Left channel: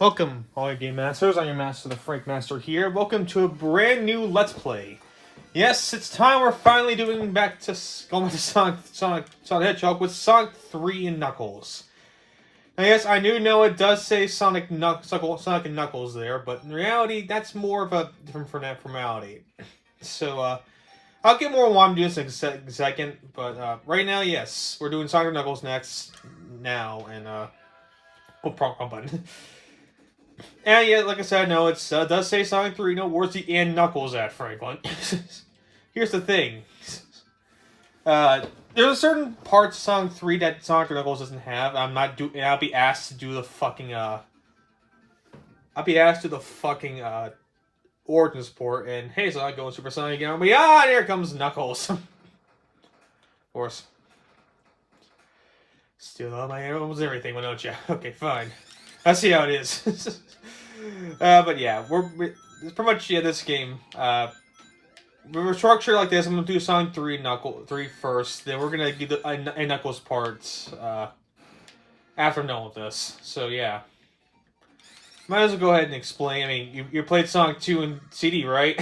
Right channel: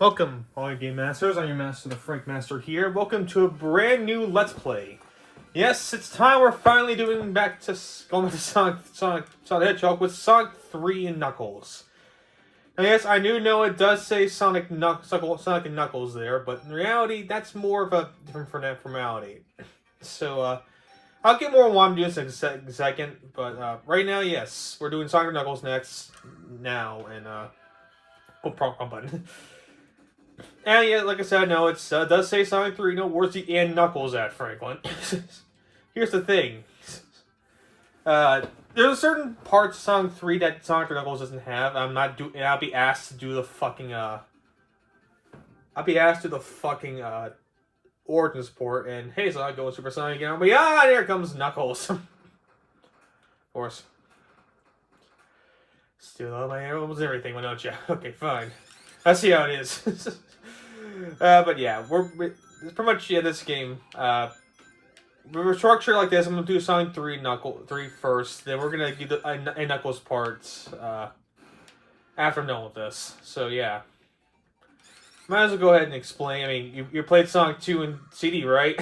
Welcome, all you game masters. I'm your master, the Frank Master here. Welcome to a brand new Let's Play. Yes, it's time we're finally going back to Sonic the Hedgehog with Sonic 3 and Knuckles. Now, yes, I do know it does say Sonic and Knuckles there, but in reality, that's more of a different formality. So, I'll get more on why I'm doing this in a second, but right now, yes, we're doing Sonic and Knuckles next, now, and oh, wrong button. And yeah, like I said, no, it does say Sonic 3. No, where's the and Knuckles at, Franklin? Here's the thing. There's a certain parts of Sonic 3 that Sonic Knuckles doesn't have. I'll be asked to do the fucking origin support, and hey, Sonic going Super Sonic again. But yeah, there comes Knuckles. Of course. Steal all my arrows, everything, why don't you? Okay, fine. Let's see how it is. But yeah, it's pretty much this game. We're structured like this. I'm gonna do Sonic 3 first. Then we're gonna do the Knuckles parts after I'm done with this. So yeah, might as well go ahead and explain. I mean, you played Sonic 2 in CD, right?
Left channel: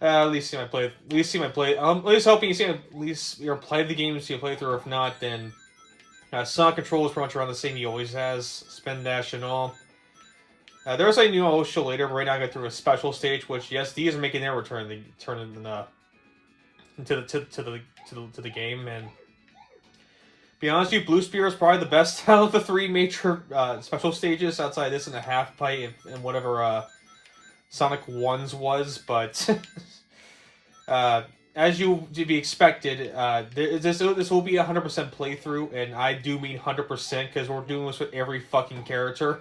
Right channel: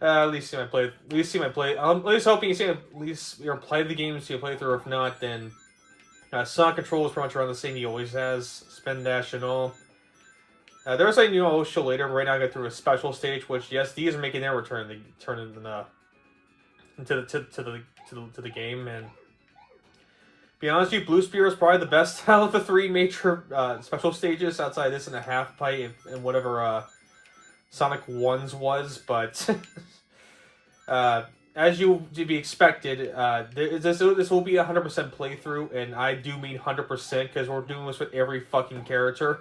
At least see my play. At least see my play. At least hoping you see at least you played the game and see a playthrough. If not, then Sonic Control is pretty much around the same he always has. Spin dash and all. There's a new I'll show later. But right now I got through a special stage, which yes, these are making their return. They turn into the game. And be honest with you, Blue Spear is probably the best out of the three major special stages outside this and a half pipe and whatever Sonic 1's was. But as you to be expected, this will be a 100% playthrough, and I do mean 100% because we're doing this with every fucking character.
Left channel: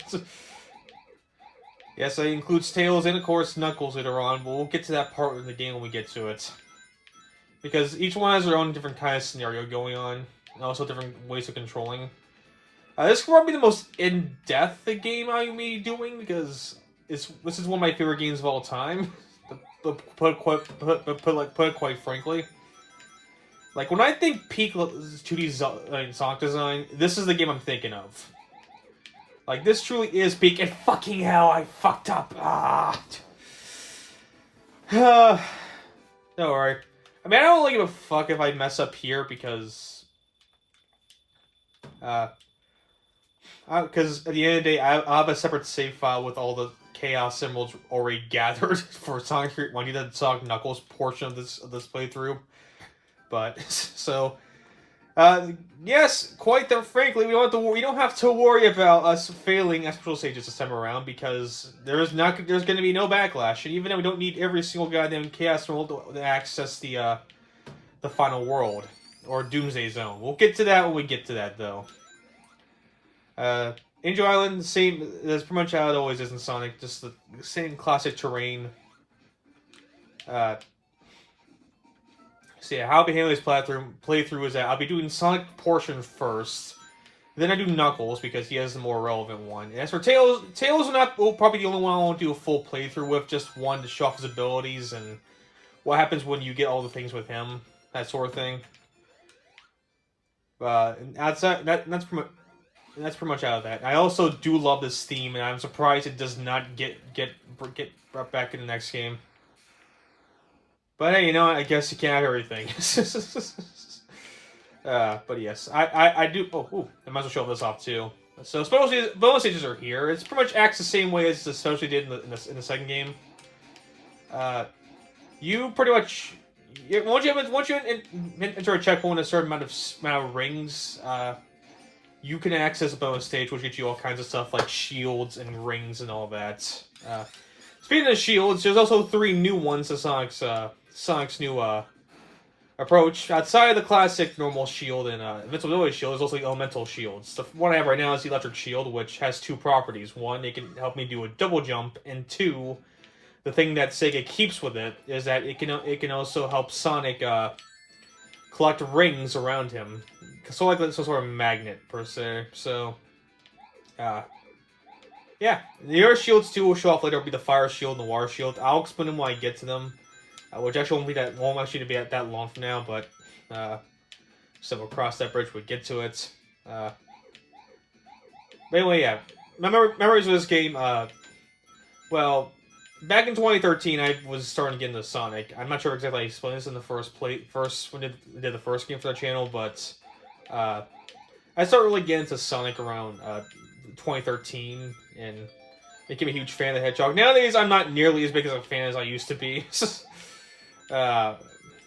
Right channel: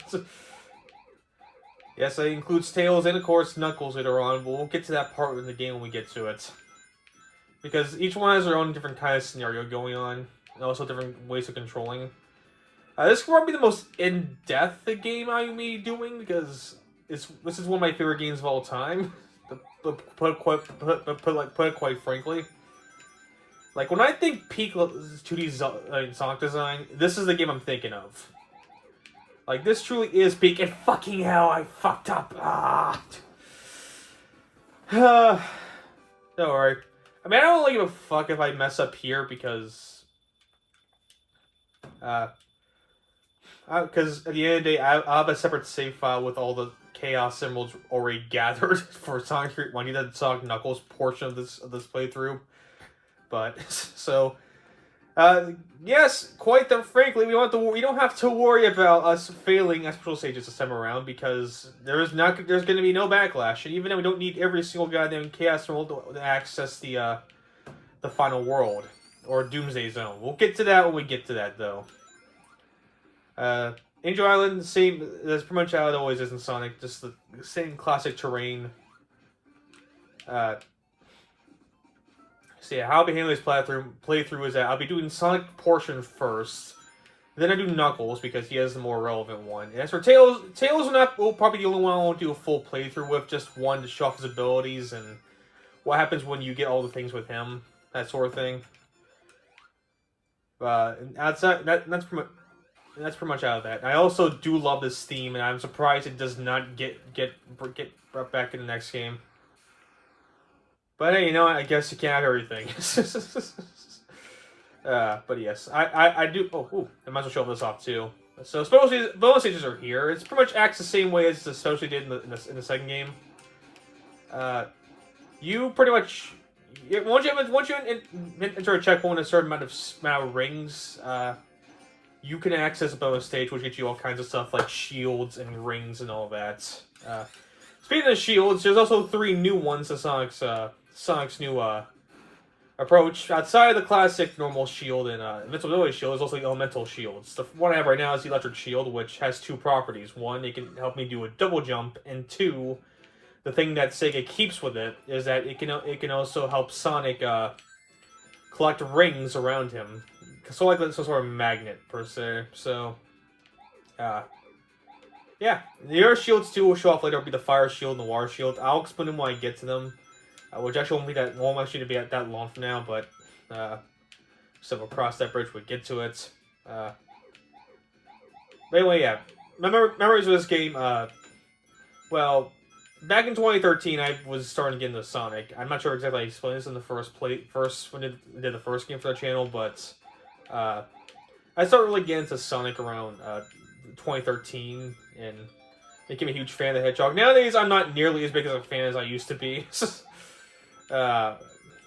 Yes, it includes Tails and, of course, Knuckles later on. But we'll get to that part in the game when we get to it. Because each one has their own different kind of scenario going on. And also different ways of controlling. This could probably be the most in-depth game I may be doing. Because this is one of my favorite games of all time. Put it quite frankly. Like, when I think peak 2D Sonic design, this is the game I'm thinking of. Like, this truly is peak, and fucking hell, I fucked up. Don't worry. I mean, I don't really give a fuck if I mess up here, because... Because at the end of the day, I have a separate save file with all the Chaos Emeralds already gathered for Sonic 3 when you did the Sonic Knuckles portion of this playthrough. But, so... yes, quite frankly, we don't have to worry about us failing special stages this time around because there's going to be no backlash, and even though we don't need every single goddamn Chaos Emerald to access the final world or Doomsday Zone. We'll get to that when we get to that, though. Angel Island, same. That's pretty much how it always is in Sonic, just the same classic terrain. So yeah, how I'll be handling this playthrough is that I'll be doing Sonic portion first, then I do Knuckles because he has the more relevant one. And as for Tails will probably be the only one I won't do a full playthrough with, just one to show off his abilities and what happens when you get all the things with him, that sort of thing. And that's pretty much out of that. I also do love this theme, and I'm surprised it does not get brought back in the next game. But hey, you know what? I guess you can't have everything. But yes, I do. I might as well show this off too. So bonus stages are here. It's pretty much acts the same way as the social did in the second game. You pretty much once you enter a checkpoint a certain amount of rings, you can access a bonus stage, which gets you all kinds of stuff like shields and rings and all that. Speaking of shields, there's also 3 new ones to Sonic's new approach. Outside of the classic normal shield and invincibility shield, there's also the elemental shields. The one I have right now is the electric shield, which has 2 properties. One, it can help me do a double jump, and 2, the thing that Sega keeps with it is that it can also help Sonic collect rings around him. So like some sort of magnet per se. So yeah, the other shields too will show off later. Will be the fire shield and the water shield. I'll explain them when I get to them, which actually won't actually be that long from now. But so we'll cross that bridge when we get to it. But anyway, yeah. memories of this game. Well, back in 2013, I was starting to get into Sonic. I'm not sure exactly how I explained this in the first when I did the first game for that channel, but I started really getting into Sonic around 2013, and became a huge fan of the Hedgehog. Nowadays, I'm not nearly as big as a fan as I used to be. I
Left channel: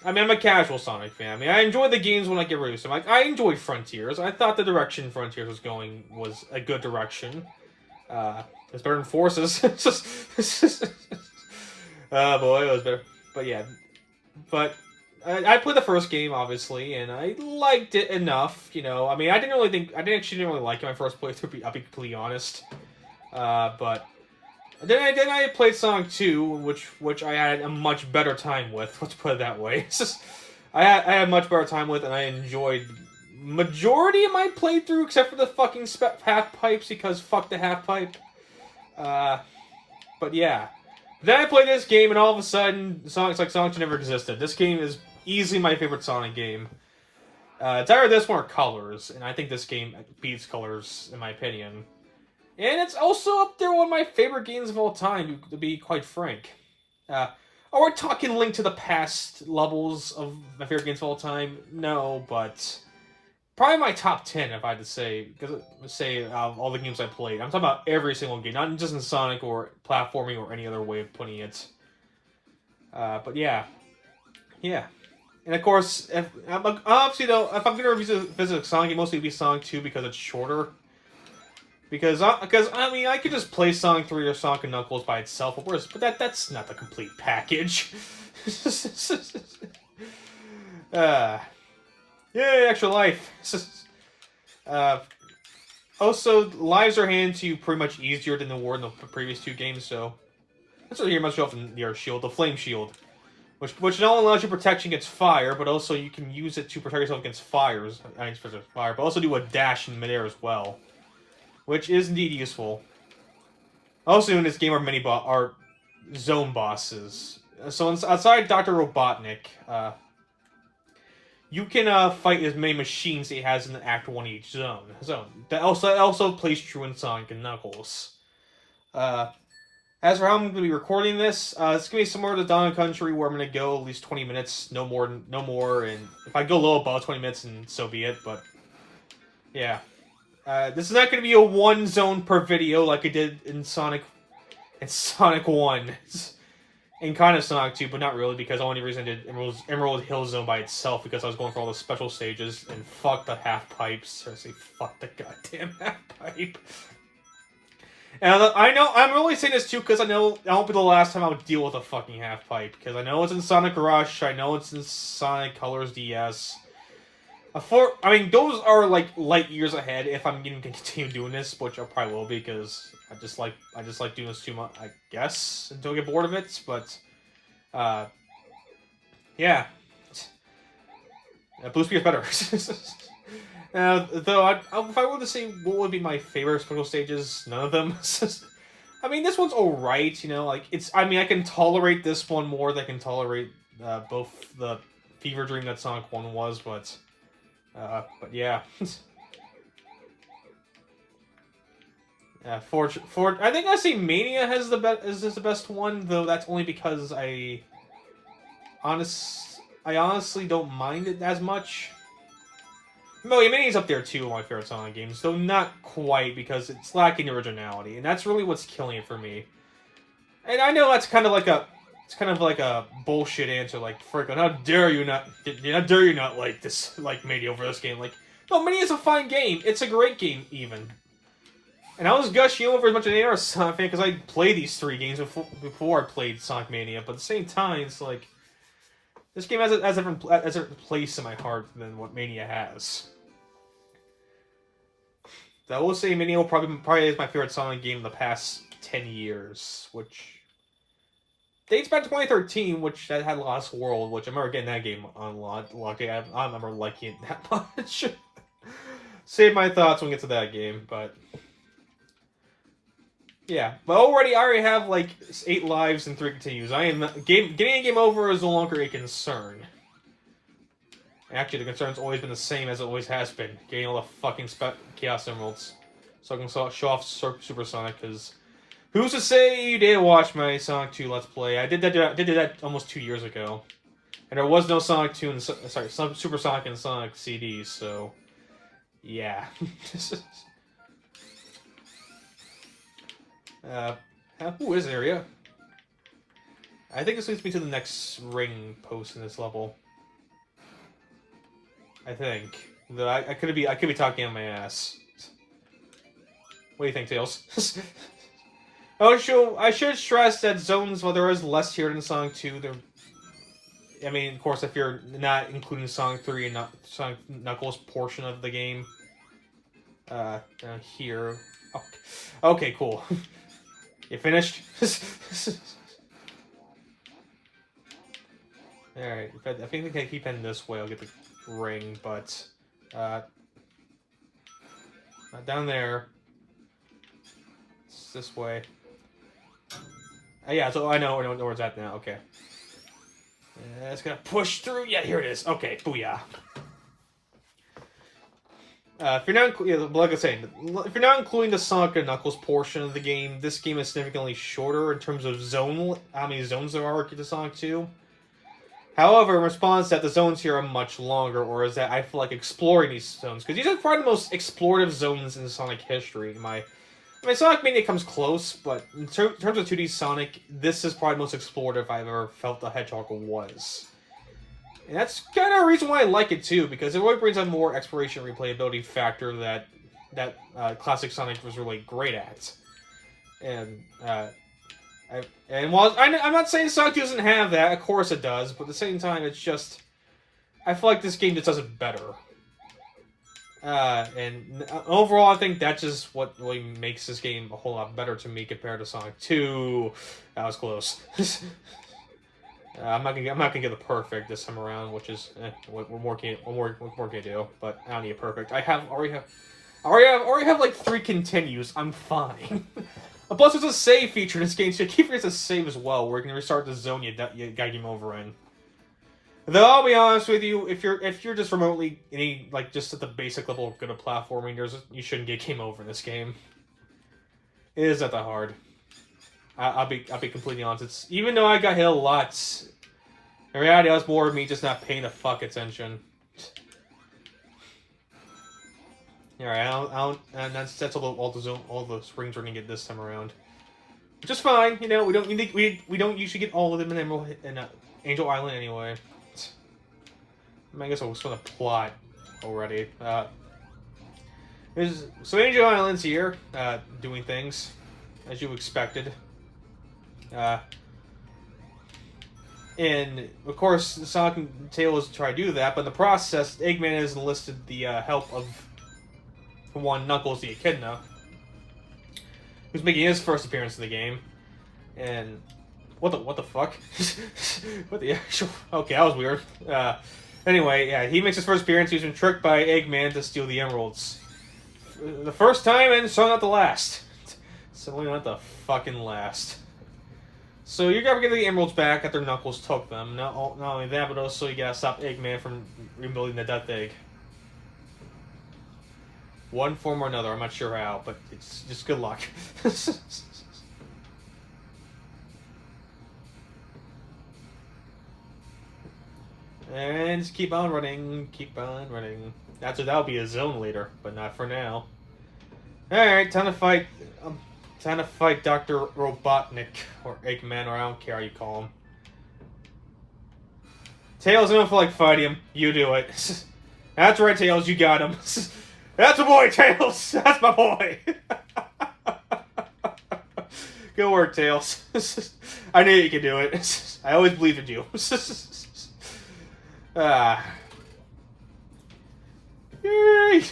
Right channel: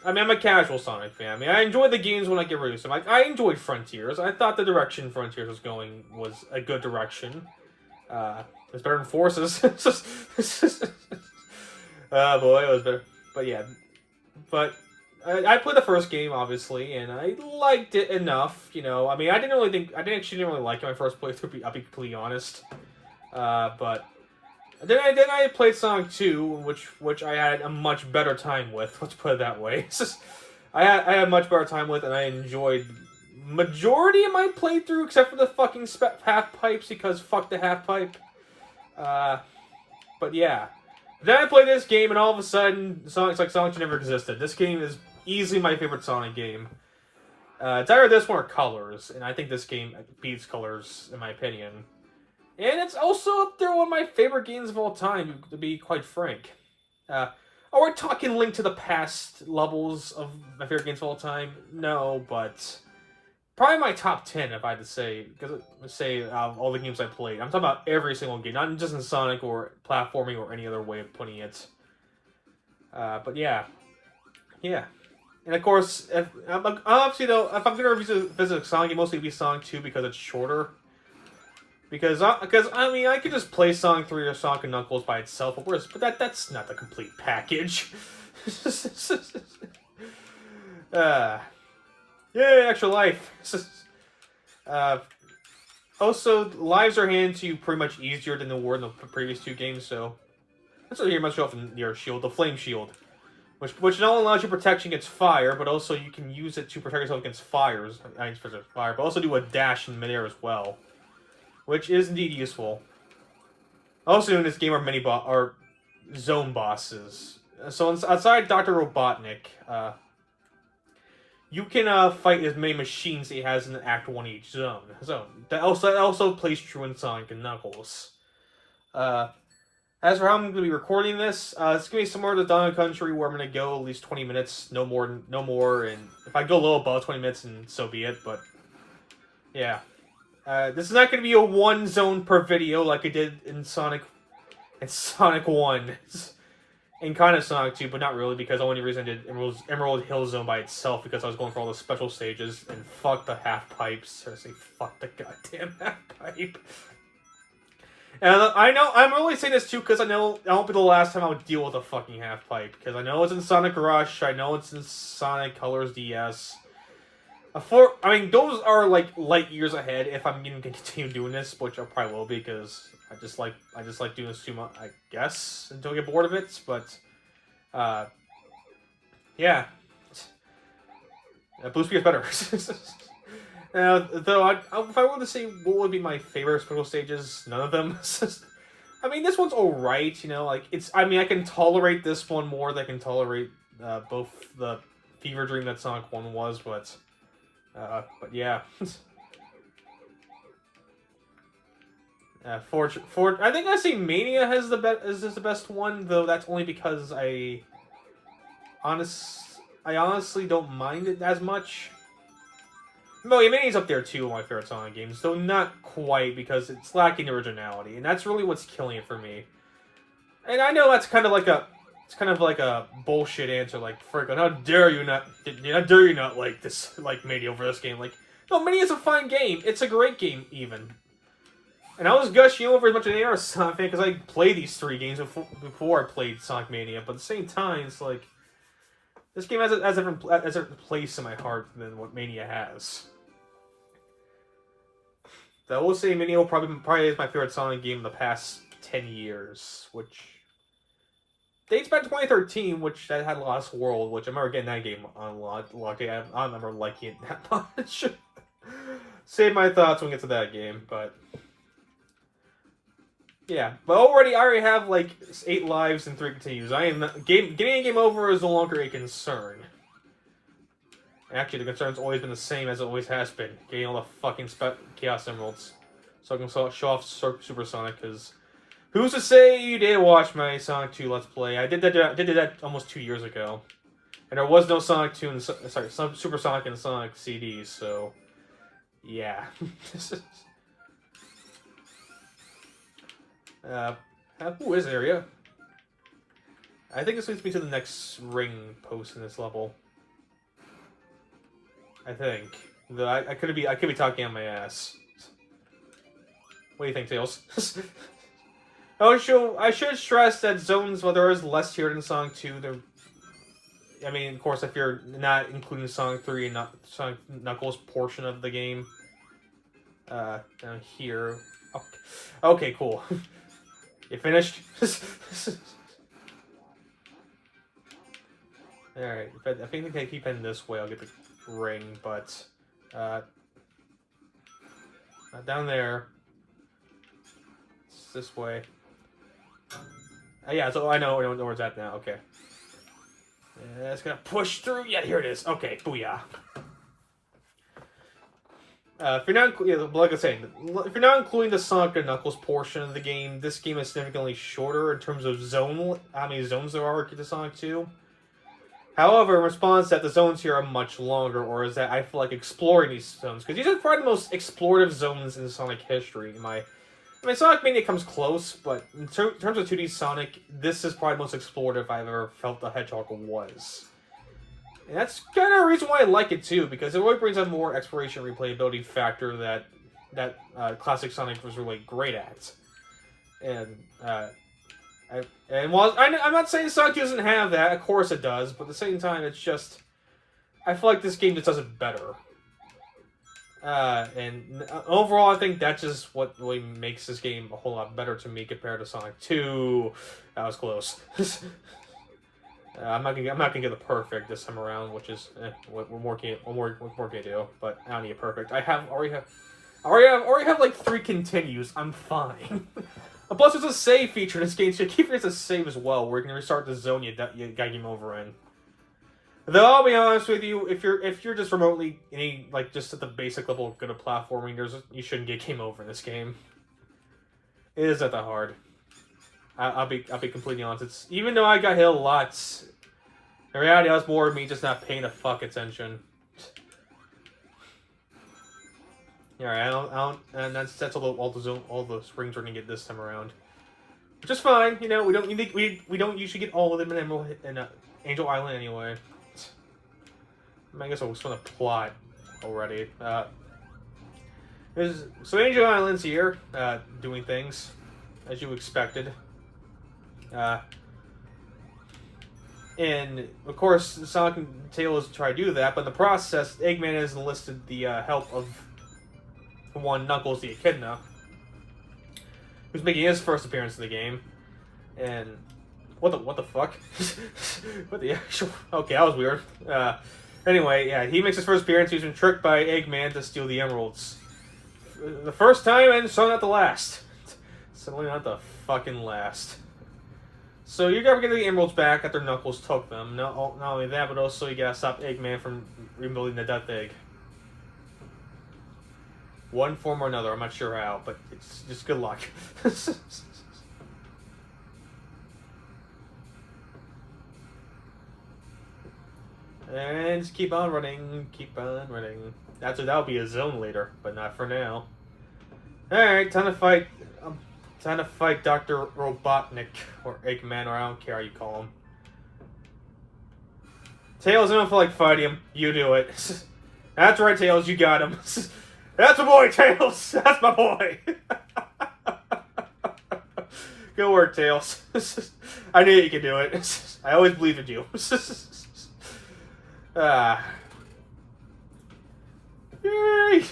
mean, I'm a casual Sonic fan. I mean, I enjoy the games when I get released. Like, I enjoyed Frontiers. I thought the direction Frontiers was going was a good direction. It's better than Forces. Oh boy, it was better. But yeah, but I played the first game obviously, and I liked it enough. You know, I mean, I didn't actually really like it my first playthrough. I'll be completely honest. But then I played Sonic 2, which I had a much better time with. Let's put it that way. I had a much better time with, and I enjoyed majority of my playthrough, except for the fucking half pipes, because fuck the half pipe. But yeah. Then I played this game, and all of a sudden, Sonic 2 never existed. This game is easily my favorite Sonic game. It's either this one or Colors, and I think this game beats Colors, in my opinion. And it's also up there one of my favorite games of all time, to be quite frank. Are we talking Link to the Past levels of my favorite games of all time? No, but probably my top 10 if I had to say, because all the games I played. I'm talking about every single game, not just in Sonic or platforming or any other way of putting it. But yeah. And of course, if I'm going to visit a Sonic game, mostly it'd be Sonic 2 because it's shorter. Because I mean, I could just play Sonic 3 or Sonic and Knuckles by itself, but that's not the complete package. Yay, extra life. Also, lives are handed to you pretty much easier than they were in the previous two games, so that's what you must show off in your shield, the Flame Shield, which not only allows you protection against fire, but also you can use it to protect yourself against fire, but also do a dash in midair as well, which is indeed useful. Also, in this game are zone bosses. So outside Dr. Robotnik, you can fight as many machines he has in Act 1 each zone. So that also plays true in Sonic and Knuckles. As for how I'm going to be recording this, it's going to be similar to Dawn Country, where I'm going to go at least 20 minutes, no more, and if I go low above 20 minutes, and so be it, but yeah. This is not going to be a one zone per video like I did in Sonic 1. And kind of Sonic 2, but not really, because the only reason I did Emerald Hill Zone by itself because I was going for all the special stages, and fuck the half pipes. Seriously, fuck the goddamn half pipe. And I know, I'm really saying this too because I know that won't be the last time I'll deal with a fucking half pipe, because I know it's in Sonic Rush, I know it's in Sonic Colors DS. I mean, those are like light years ahead if I'm going to continue doing this, which I probably will be, because I just like doing this too much, I guess, until I get bored of it. But yeah, Blue Spear is better. Though, if I were to say what would be my favorite special stages, none of them. I mean, this one's alright, you know, like, I mean, I can tolerate this one more than I can tolerate both the Fever Dream that Sonic 1 was, but yeah. I think I say Mania is the best one, though that's only because I honestly don't mind it as much. No, yeah, Mania's up there too, my favorite Sonic games, though not quite, because it's lacking originality, and that's really what's killing it for me. And I know that's kind of like a bullshit answer, like, frick, how dare you not like this, like, Mania over this game? Like, no, Mania's a fine game. It's a great game, even. And I was gushing over as much as any other Sonic fan, because I played these three games before I played Sonic Mania, but at the same time, it's like, this game has a different place in my heart than what Mania has. I will say Mania probably is my favorite Sonic game in the past 10 years, which dates back to 2013, which that had Lost World, which I remember getting that game unlocked. I don't remember liking it that much. Save my thoughts when we get to that game, but yeah. But I already have like 8 lives and 3 continues. Getting a game over is no longer a concern. Actually, the concern's always been the same as it always has been: getting all the fucking Chaos Emeralds. so I can show off Super Sonic. Because who's to say you didn't watch my Sonic 2 Let's Play? I did that almost 2 years ago, and there was no Sonic 2 and some Super Sonic and Sonic CDs. So yeah. Who is area? I think this leads me to the next ring post in this level. I think. I could be talking on my ass. What do you think, Tails? I should stress that zones, while there is less here than Sonic 2, I mean, of course, if you're not including Sonic 3 and Sonic Knuckles portion of the game. Down here. Okay, cool. You finished? Alright, if I think I keep heading this way, I'll get the ring, but not down there. It's this way. Yeah, so I know where it's at now. Okay. It's gonna push through. Yeah, here it is. Okay, booyah. If you're not, like I was saying, if you're not including the Sonic and Knuckles portion of the game, this game is significantly shorter in terms of how many zones there are to Sonic 2. However, in response to that, the zones here are much longer, or is that I feel like exploring these zones, because these are probably the most explorative zones in Sonic history. I mean, Sonic Mania comes close, but in terms of 2D Sonic, this is probably the most explorative I've ever felt the Hedgehog was. And that's kind of a reason why I like it too, because it really brings out more exploration and replayability factor that classic Sonic was really great at. And while I'm not saying Sonic 2 doesn't have that, of course it does, but at the same time, it's just I feel like this game just does it better. And overall, I think that's just what really makes this game a whole lot better to me compared to Sonic 2. That was close. I'm not gonna get the perfect this time around, which is what more can I do? But I don't need a perfect. I already have like 3 continues. I'm fine. Plus, there's a save feature in this game, so you keep it as a save as well, where you can restart the zone you got game over in. Though I'll be honest with you, if you're just remotely just at the basic level of good at platforming, you shouldn't get game over in this game. It is not that hard. I'll be completely honest. It's even though I got hit a lot, in reality, that was more of me just not paying the fuck attention. Yeah, and that's all the rings we're gonna get this time around, which is fine. You know, we don't usually get all of them in Angel Island anyway. I guess I was going to plot already. So Angel Island's here, doing things as you expected. And of course, Sonic and Tails try to do that, but in the process, Eggman has enlisted the help of the one Knuckles the Echidna, who's making his first appearance in the game. And what the fuck? What the actual? Okay, that was weird. Anyway, yeah, he makes his first appearance. He's been tricked by Eggman to steal the emeralds. The first time, and so not the last. Certainly not the fucking last. So you're gonna get the emeralds back after Knuckles took them. Not only that, but also you gotta stop Eggman from rebuilding the Death Egg. One form or another, I'm not sure how, but it's just good luck. And just keep on running, keep on running. That'll be a zone later, but not for now. Alright, time to fight Dr. Robotnik, or Eggman, or I don't care how you call him. Tails, I don't feel like fighting him. You do it. That's right, Tails, you got him. That's my boy, Tails! That's my boy! Good work, Tails. I knew you could do it. I always believed in you. Yay!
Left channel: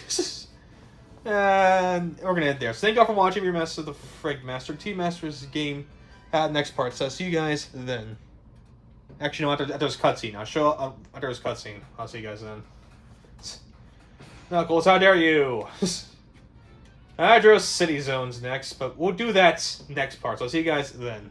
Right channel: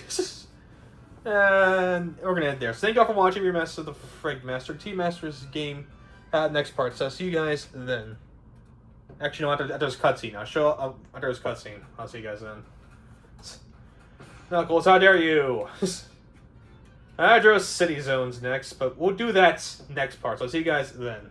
And we're gonna end there. So thank y'all for watching. Remaster the Frig Master. Team Masters game next part. So see you guys then. Actually, no, after this cutscene. After this cutscene. I'll see you guys then. Knuckles, how dare you! Hydro City Zone's next, but we'll do that next part. So I'll see you guys then.